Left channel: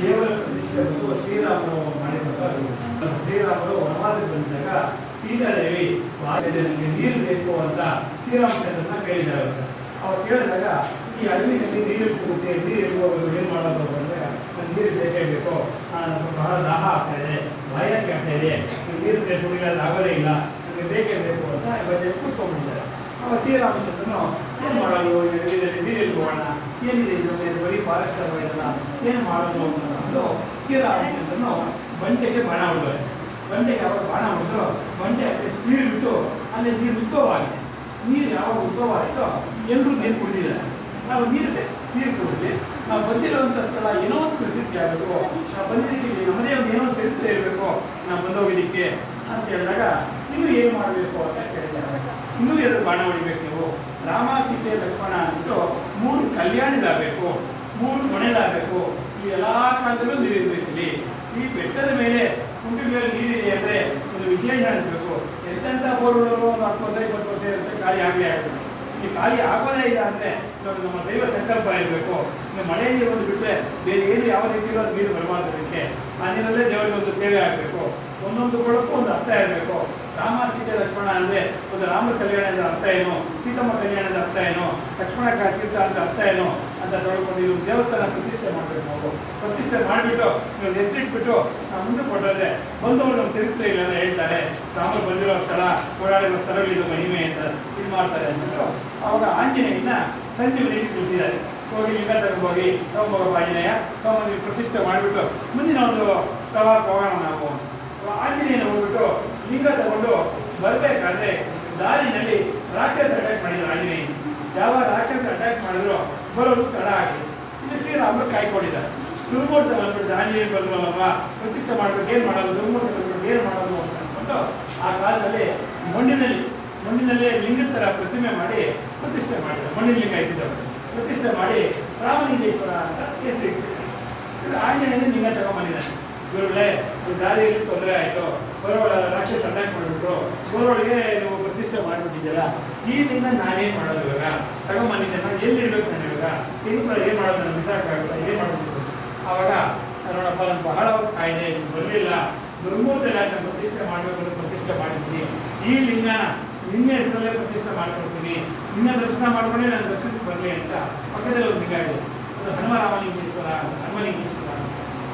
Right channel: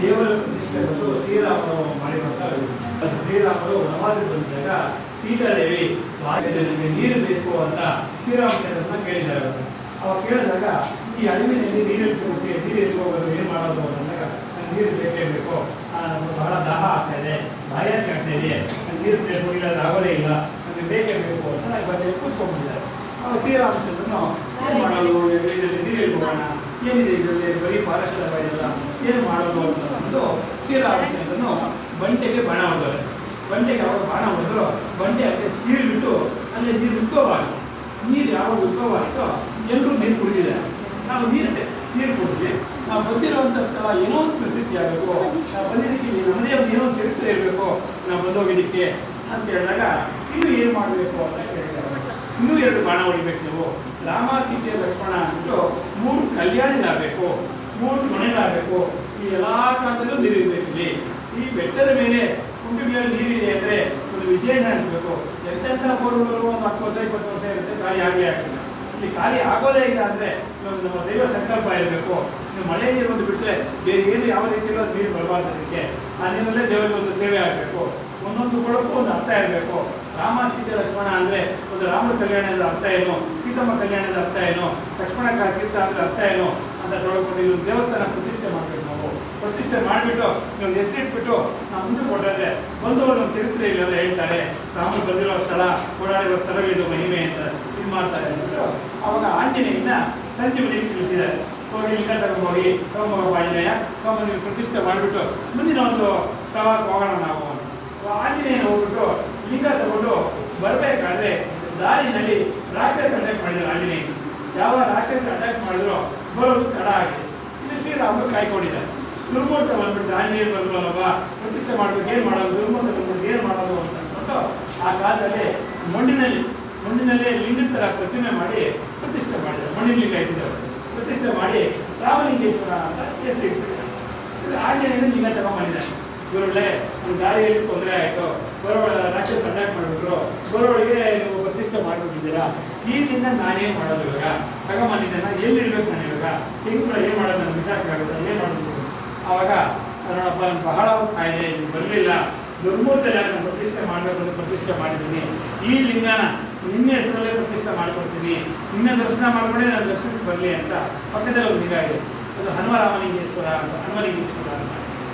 ದೇವರ ಪ್ರತಿಷ್ಠೆ ಬಂದು ಶ್ರೀರಾಮನು ಮಾಡಿರುವಂತಹ ಶ್ರೀರಾಮರು ವನವಾಸಕ್ಕೆ ಬಂದಾಗ ಸೀತಾದೇವಿ ನನಗೆ ನೀರು ಬೇಕು ಅಂತ ಶ್ರೀರಾಮಚಂದ್ರನ ಕೇಳಿದ್ದಾರೆ. ಅವಾಗ ಕೇಳಿದಾಗ ಈ ಅಡವಿನಲ್ಲಿ ನೀರಿಟ್ಟುಕೊಂಡೆ ನೀರು ಹೋಗೋದು ಏನು ಮಾಡೋದು ಅಂದಾಗ ನನಗೆ ನೀರು ಬೇಕೇ ಬೇಕು, ಬಹಳ ದಾಹ ಆಗ್ತಾ ಇದೆ, ಬಾಯಾರಿಕೆ ಆಗ್ತಾ ಇದೆ, ನನಗೆ ನೀರು ಬೇಕು, ಇಲ್ಲಾಂದ್ರೆ ಆಗೋದೇ ಇಲ್ಲ, ನನಗೆ ಬೇಕೇ ಬೇಕು ಅಂತ ನನಗೆ ಬಂದು ಕೂತ್ಕೊಂಡಿದ್ದಾರೆ. ಅವಾಗ ಶ್ರೀರಾಮಚಂದ್ರನು ಏನು ಮಾಡೋದು, ಅಡವಿನಲ್ಲಿ ನೀರು ಹೋಗೋಣ, ಏನಿದೆ ಇದರಲ್ಲಿ ಬರೀ ಫಾರೆಸ್ಟ್ ಅಲ್ವಾ ಇದೆಲ್ಲ, ಏನು ಮಾಡೋದು ಅಂತ ಒಂದು ಶ್ರೀರಾಮಚಂದ್ರನು ಬಂಡೆಗೆ ಬಾಣ ಹೊಡೆದವರು. ಬಂಡೆಗೆ ಅವರು ಬಾಣ ಹೊಡೆದ್ರು, ಬಂಡೆ ಅಲ್ಲಿ ಸೀಳ್ಬಿಟ್ಟು ಅಲ್ಲಿ ನೀರು ಉದ್ಭವವಾಯಿತು. ನೀರು ಯಾವಾಗ ಉದ್ಭವವಾಯಿತೋ ಎಲ್ಲರೂ ನೀರು ಕುಡಿದಿದ್ದಾರೆ. ನಾವು ನೀರು ಕುಡಿದ್ವಿ, ನಾವು ಬಂದಿರುವಂಥ ಸ್ಥಳ ಏನೋ ಒಂದು ಪ್ರಸಿದ್ಧಿ ಆಗಬೇಕು, ನಾವು ಬಂದಿದ್ದಕ್ಕೆ ನಮ್ಮದೇ ಒಂದು ಏನೋ ಚರಿತ್ರೆ ಇರಬೇಕು ನಾವು ಬಂದೋಗಿದ್ದಕ್ಕೆ ಅಂತ ಹೇಳಿದಾಗ ಇನ್ನೂ ಏನು ಮಾಡಬೇಕು ಅಂತ ಕೇಳಿದ್ದಾರೆ. ಇನ್ನೂ 2 ಬಾಣ ಹೊಡಿಬೇಕು ನೀವು, ರಾಮ ಸೀತೆ ಲಕ್ಷ್ಮಣ ಅಂದ್ಬಿಟ್ಟು 3 ಕಲ್ಯಾಣಿಗಳಾಗಬೇಕು, 3 ಮನೆಗಳಾಗಬೇಕು, ಈ ಎಲ್ಲ ಕಾಲದಲ್ಲೂ ನೀರಿರಬೇಕು. ಇಲ್ಲಿ ಈ ಬೆಟ್ಟದ ಮೇಲೆ ಕುಂಟಗಳಲ್ಲಿ ನೀರಿದೆ ಅಂದರೆ ಒಂದು ವಿಶೇಷ ಅನಿಸ್ಬೇಕು. ಎಂತೆಂಥ ಬೋರ್ಗಳು ಒಂದು 10 ವರ್ಷ 20 ವರ್ಷ ಇರುತ್ತೆ, ಖಾಲಿ ಆಗೇ ಆಗ್ತದೆ. ಇಲ್ಲಿ ಖಾಲಿ ಆಗೋದೇ ಇಲ್ಲ ಅಂದರೆ ನಮ್ಮ ದೈವ ಸಂಕಲ್ಪ ಇರಬೇಕು. ಈಗ ಮಳೆ ನೀರು ಒಂದು ಬಿಟ್ಟರೆ ಬೇರೆ ಏನು ಯಾವ ರೀತಿಯಲ್ಲೂ ಅದು ನೀರು ಬರಬಾರ್ದು. ಅದಕ್ಕೆ ಆ ನೀರಲ್ಲೇ ದೇವರಿಗೆ ಒಂದು ಸೇವೆ ಆಗಬೇಕು. ಒಂದೊಂದು ಕೊಡಕ್ಕೂ ಒಂದು ಅರ್ಥ ಇರಬೇಕು. ರಾಮ ಸೀತೆ ಲಕ್ಷ್ಮಣ ಅಂದರೆ ಒಂದು ರಾಮನ ಕಲ್ಯಾಣದ ಅರ್ಥ ಏನು, ಸೀತಮ್ಮ ಕಲ್ಯಾಣದ ಅರ್ಥ ಏನು, ಲಕ್ಷ್ಮಣ ತೀರ್ಥ ಅಂದರೆ ಅರ್ಥ ಏನು ಅಂತ ತೊಳ್ಕೊಂಡು ಇವರು ದೇವಸ್ಥಾನ ಪ್ರತಿಷ್ಠೆ ಮಾಡಬೇಕು. ನಾವು ಪ್ರತಿಷ್ಠೆ ಮಾಡಿಬಿಟ್ಟು ನೀವು ಹೆಸರಿಟ್ಬಿಟ್ಟು ನಾವು ಮುಂದೆ ಕೊಟ್ಟರೆ ಬಂಧುಗಳು ನಮ್ಮ ಚರಿತ್ರೆ ಇಲ್ಲ ಅಂತ ಹೇಳ್ತಾರೆ. ರಾಮರು ಬಂದಿರೋ ಸ್ಥಳ, ಓಡಾಡಿರೋ ಸ್ಥಳಗಳಿದು ಮಹಿಮೆ ಅಂತ ಇದು ಮಾಡ್ತಾರೆ ಅಂದ್ಬಿಟ್ಟು ಅವಾಗ ಆಂಜನೇಯನ ಸಂಜೀವನಿಗೆ ತಿಳಿಸಿದ್ದಾರೆ. ಹೋಗಿ ಲಿಂಗ ತಗೊಂಡೋಗಿ ತಗೊಂಡೋಗೋ ಆಂಜನೇಯ ತಗೊಂಡು ಪ್ರತಿಷ್ಠೆ ಮಾಡಿಬಿಟ್ಟು ಮುಂದಿನ ಒಂದು ತವಾಕ್ ಹೋಗೋಣ ನಾವು. ಆಂಜನೇಯನ ಹೋಗ್ಬಿಟ್ಟು ಲಿಂಗ ತಗೊಂಡು ಬರಬೇಕಾದ್ರೆ ದಾರಿನಲ್ಲಿ ರಾಕ್ಷಸ ಅಟ್ಯಾಕ್ ಮಾಡಿದ್ರು. ಆಂಜನೇಯ ಯಾವ ರಾಕ್ಷಸ ಅಟ್ಯಾಕ್ ಮಾಡಿದ್ರು ಬರೋದು ತಡ ಆಗಿದೆ. ಇದು ಶ್ರೀರಾಮರು ಕಾಯ್ಕೊಂಡಿದ್ದಾರೆ. ದುರ್ಮೂರ್ತ ಬಂದ್ಬಿಟ್ಟು ಆಂಜನೇಯ ಬಂದ್ರಲ್ಲವ ಪ್ರತಿಷ್ಠೆ ಮಾಡ್ಬೇಕು, ಏನು ಮಾಡೋದು, ದುರ್ಮೂರ್ತ ಬಂದ್ಬಿಟ್ಟು ಏನು ಮಾಡೋದು ಅಂತ ಅಂದ್ಬಿಟ್ಟು ಆ ಕಾಲದಲ್ಲಿ ಮಣ್ಣಿನಲ್ಲೇ ಲಿಂಗದ ಥರ ಪ್ರತಿಮೆ ಮಾಡಿ ಪ್ರತಿಷ್ಠೆ ಮಾಡಿದ್ರು. ಮಣ್ಣಿನ ಲಿಂಗ ಇಟ್ಟಿದ್ದವರು ಪ್ರತಿಷ್ಠೆ ಮಾಡಿ ರಾಮಲಿಂಗೇಶ್ವರ ಅಂತ ಹೆಸರು ಇಟ್ಬಿಟ್ಟು ಆಂಜನೇಯನ ಲಿಂಗ ತಗೊಂಡ್ಬಂದಿದ್ದಾನೆ. ಗುರುಗಳೇ, ಈ ದಾರಿಯಲ್ಲಿ ತೊಂದರೆ ಆಯಿತು, ಬರೋಳ ರಾಕ್ಷಸ ಅಟ್ಯಾಕ್ ಮಾಡಿಬಿಟ್ರು, ಬರೋಳಿಗೆ ನೀವು ಪ್ರತಿಷ್ಠೆ ಮಾಡಿಬಿಟ್ಟಿದ್ದೀರಾ, ಈ ಲಿಂಗ ನಾನೇನು ಮಾಡೋದು ಇವಾಗ, ತಗೊಂಬಂದಿದ್ದೆ ನಾನು ಎಲ್ಲಿರ್ಬೇಕು, ನಾನು ಇವಾಗ ತಿಂಗಳು ಏನು ಮಾಡೋದು, ನಾನು ಬಿಸಾಕಾಗುತ್ತೆ, ಏನು ಮಾಡೋದು. ಆವಾಗ ನೋಡಪ್ಪ ನಾನು ಬಹಳ ಕಾಯಿದೆ, ಇದು ಬರಲಿಲ್ಲ, ದುರ್ಮೂರ್ತ ನಾನು ಪ್ರತಿಷ್ಠೆ ಮಾಡಬೇಕು ಅಂತ ಪ್ರತಿಷ್ಠೆ ಮಾಡಿದ್ದೀನಿ, ಈ ಲಿಂಗನ ನಿನ್ನ ಹೆಸರಲ್ಲೇ ಪ್ರತಿಷ್ಠೆ ಮಾಡಿಕೊಡ್ತೀನಿ, ನಿನ್ನ ದರ್ಶನ ಮಾಡ್ಕೊಂಡೆ ನಾನು ದರ್ಶನಕ್ಕೆ ಬರಲಿ ಅಂತ ಪಕ್ಕದಲ್ಲಿ ಒಂದು ಲಿಂಗ ಇದೆ. ಅದು ಹನುಮರಾಮಲಿಂಗೇಶ್ವರ ಅಂತ, ಹನುಮಲಿಂಗೇಶ್ವರ ಅಂತ,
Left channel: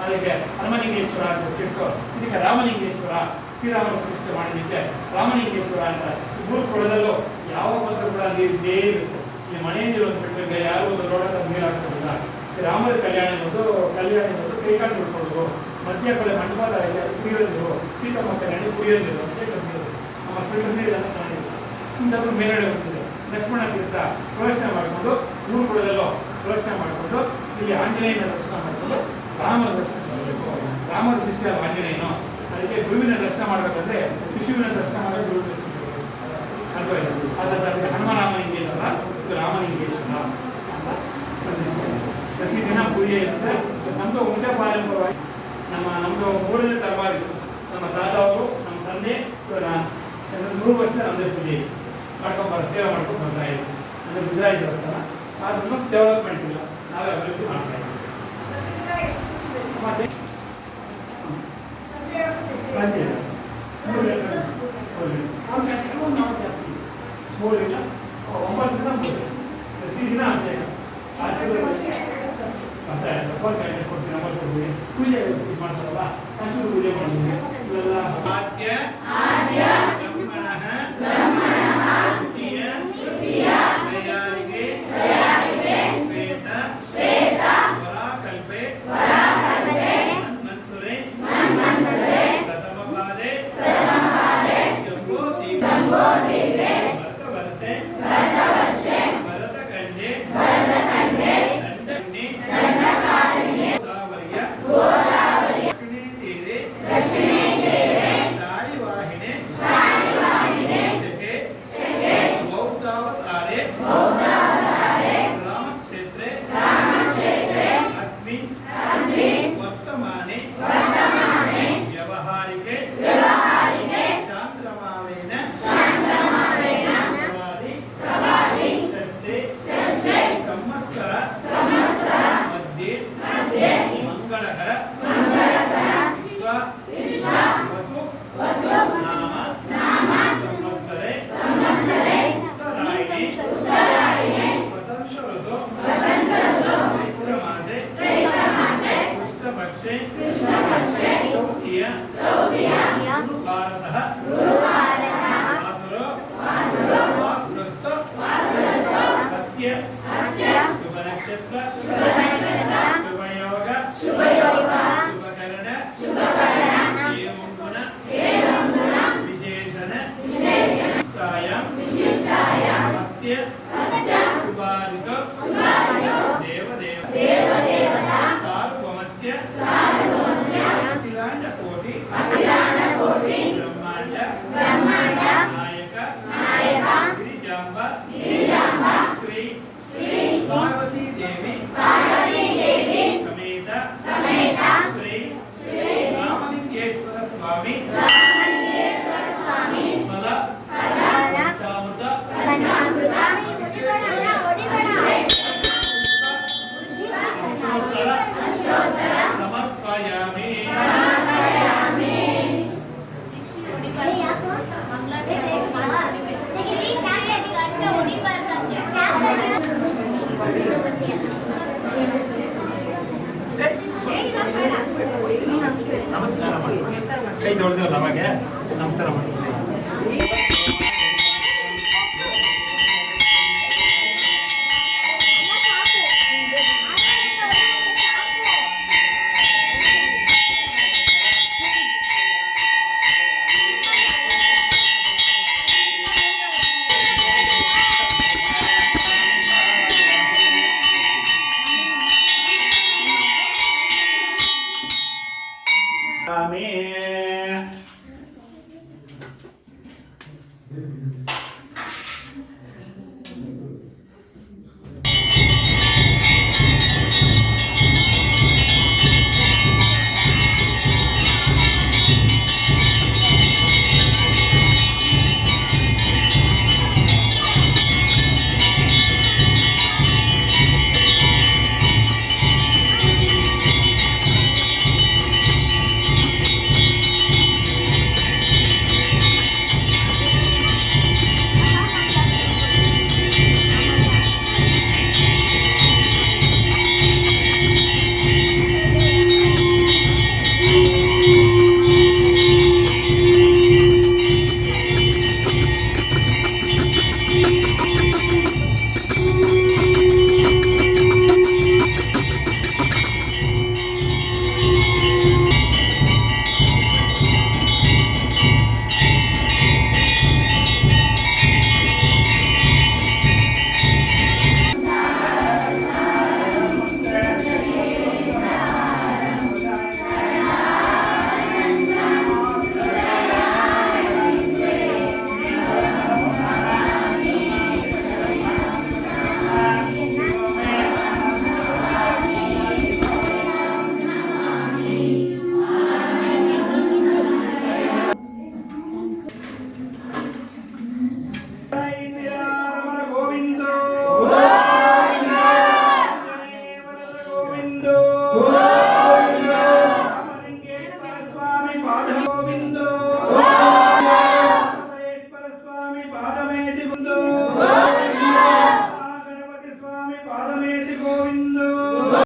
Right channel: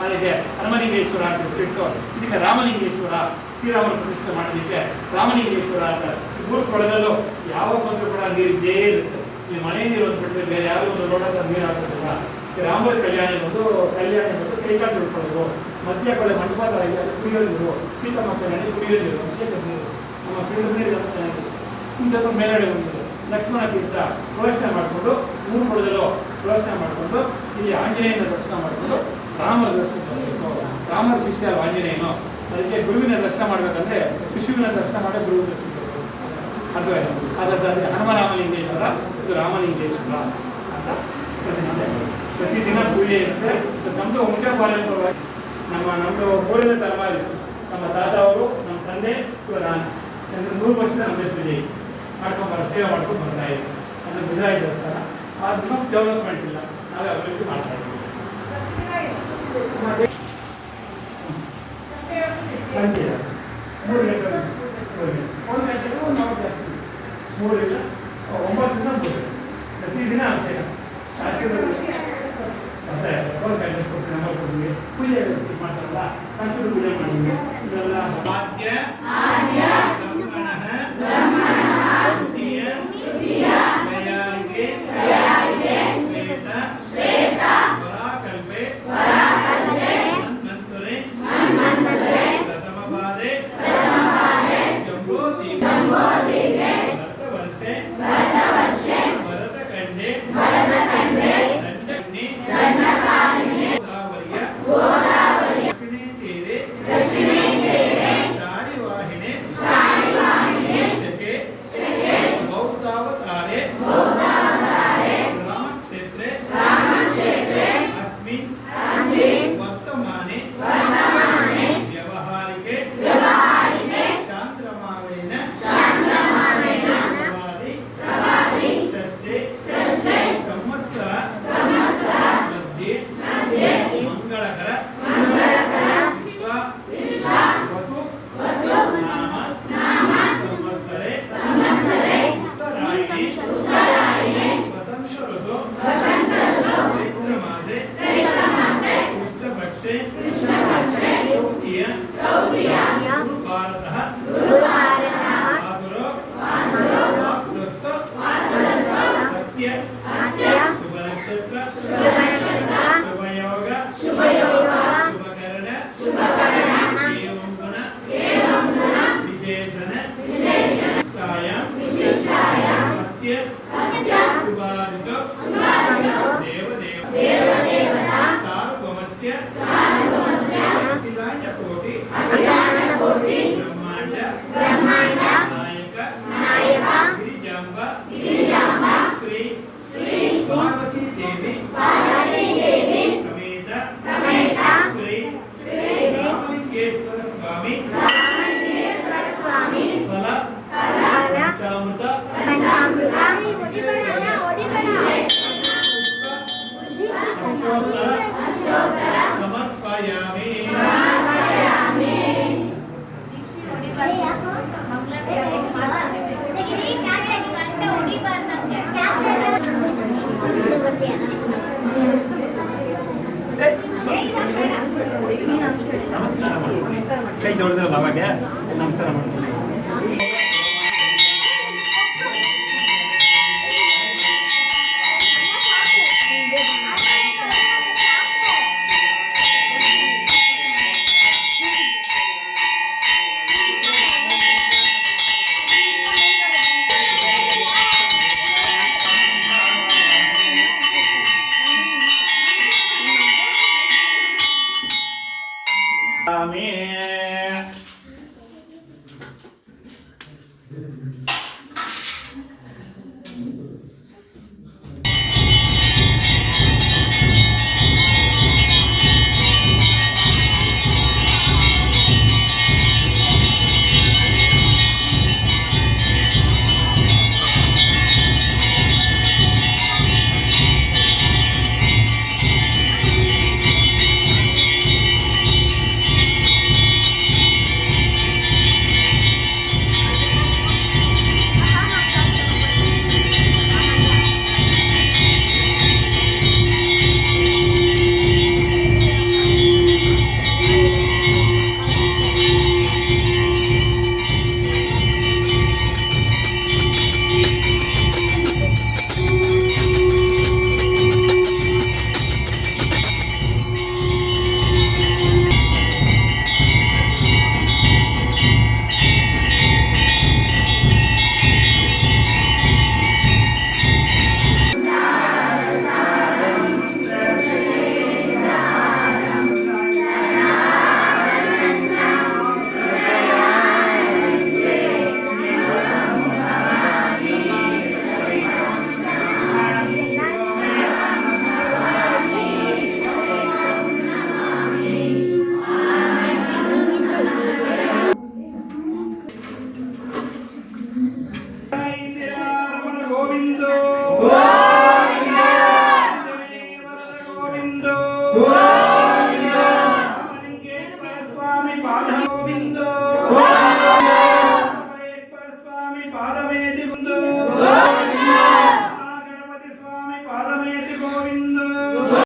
ಅದಕ್ಕೆ ಹನುಮಲಿಂಗೇಶ್ವರ ಅಂತ ಹೆಸರಿಟ್ಟು ಇದಕ್ಕೆ ರಾಮಲಿಂಗೇಶ್ವರ, ಶ್ರೀರಾಮನ ಪ್ರತಿಷ್ಠೆ ಮಾಡೋದಕ್ಕೆ ರಾಮಲಿಂಗೇಶ್ವರ ಅಂತ. ಮೂರು ಕೊಳದಲ್ಲೂ ಯಾವ ಬಂದರೂ ಕೂಡ ನೀರು ಇದ್ದೇ ಇರುತ್ತೆ. ಈ ಮನೆ ನೀರು ಒಂದು ಬಿಟ್ಟರೆ ಯಾರು ಒಂದು ಲೋಟದ ನೀರು ಹಾಕೋದಿಲ್ಲ. ರಾಮರ ಕಲ್ಯಾಣ ಬಂದು ಕೈಕಾಲು ತಿಳ್ಕೊಳ್ಳೋದು, ಮಧ್ಯ ಕಡೆ ಮಂಟಪ ಇದೆ ಕುಡಿಯೋ ನೀರು, ಸೀತಮ್ಮ ಕಲ್ಯಾಣ ಕುಡಿಯೋ ನೀರು, ಅಭಿಷೇಕದ ನೀರು, ನಮ್ಮ ಫಿಲ್ಟರ್ ನೀರು ಎಲ್ಲ ಚೆನ್ನಾಗಿದೆ. ಇಂಥದ್ದು ಮೇಲ್ಗಡೆ ಹೋಗ್ತಿದೆ ಲಕ್ಷ್ಮಣ ತೀರ್ಥ ಪ್ರದರ್ಶನ ಮಾಡಿಕೊಂಡು 3 ಕೊಳದಲ್ಲೂ ಪ್ರದರ್ಶನ ಮಾಡಿಕೊಂಡು ಇಲ್ಲಿ ಆಂಜನೇಯನ ದರ್ಶನ ಮಾಡಿಕೊಂಡು ರಾಮನ ದರ್ಶನ ಮಾಡಬೇಕು. ರಾಮನ ಶಿಷ್ಯ ಆಂಜನೇಯನು, ಅದಕ್ಕೆ ಗುರುವಿನ ದರ್ಶನ ಮಾಡಬೇಕಂದ್ರೆ ಶಿಶುವಿನ ದರ್ಶನ ಮಾಡಿ ಗುರುವಿನ ದರ್ಶನ ಮಾಡಬೇಕು. ಅದರಲ್ಲಿ ಹನುಮರಾಮಲಿಂಗೇಶ್ವರ, ಇದು ರಾಮಲಿಂಗೇಶ್ವರ ಅಂತ ಪ್ರತಿಷ್ಠೆ. ಪ್ರತಿದಿನ ಪೂಜೆ ಇರುತ್ತೆ. ನಮ್ಮದು ವಂಶಪಾರಂಪರವಾಗಿ ನಮ್ಮದು ಊರಿನ ತರಮಾರಿ ನಮ್ಮ ತಾತ ಅವರು, ನಮ್ಮ ತಂದೆ ಕೂಡ ನಾನು 100 ವರ್ಷದ ನಮ್ಮದೇ ಪೂಜೆ ಸೇವೆ ಮಾಡ್ಕೊಂಡು ಬರ್ತಾ ಇದ್ದೀವಿ. ಅದು ಗುಜರಾತ್ ದೇವಸ್ಥಾನ, ಅದು ಡೆವಲಪ್ಮೆಂಟ್ ಇಲ್ಲ, ನಾವು ಅಭಿವೃದ್ಧಿ ಮಾಡ್ತಾ ಇದ್ದೀವಿ. ಪ್ರತಿದಿನ ಅಭಿಷೇಕ ಪೂಜೆ ಮಾಡ್ತಾರಲ್ಲ, ಸಾಕ್ಷರ ಪೂಜೆ ಮಾಡಿದ್ವಿ. ಇವೆಲ್ಲ ಸಾಧ್ಯ ಮಂಗಳಕರ ವಿಶ್ವ ವಸು ನಾಮ ಸಂವತ್ಸರೆ ಉತ್ತರಾಯಣೆ ವಸಂತ ಋತು ಚೈತ್ರಮಾಸೆ ಕೃಷ್ಣಪಕ್ಷೆ ಚೌತಿಯ ಗುರು ಭಾರತಃ ಅಸ್ಯ ಶುಭನಕ್ಷತ್ರ ಶುಭಯೋಗ ಶುಭಕರಣ ಏವಂ ಗುಣ ವಿಶೇಷಣ ವಿಶಿಷ್ಟಾಯಾಂ ಅಸ್ಯ ಶುಭಾದಿತೋ ದೇವದೇವತಾ ಸಾರ್ವಭೌಮಸ್ಯ ಅಖಿಲಾಂಡಕೋಟಿ ಬ್ರಹ್ಮಾಂಡ ನಾಯಕ ಗಿರಿಜಾಂಬ ಶ್ರೀ ಪಾರ್ವತಿ ದೇವಿ ಸಮೇತ ಶ್ರೀ ರಾಮಲಿಂಗೇಶ್ವರ ಸ್ವಾಮಿ ಫಲ ಪಂಚಾಮೃತ ಸಮರ್ಪಯಾಮಿ. ನಮಸ್ಕಾರ ಮಾಡಿ ಕೈ ತೊಳೆದ್ರೆ ಅವಾಗೆ ನಮಸ್ಕಾರ ಮಾಡ್ತೀನಿ. Amen. Govindo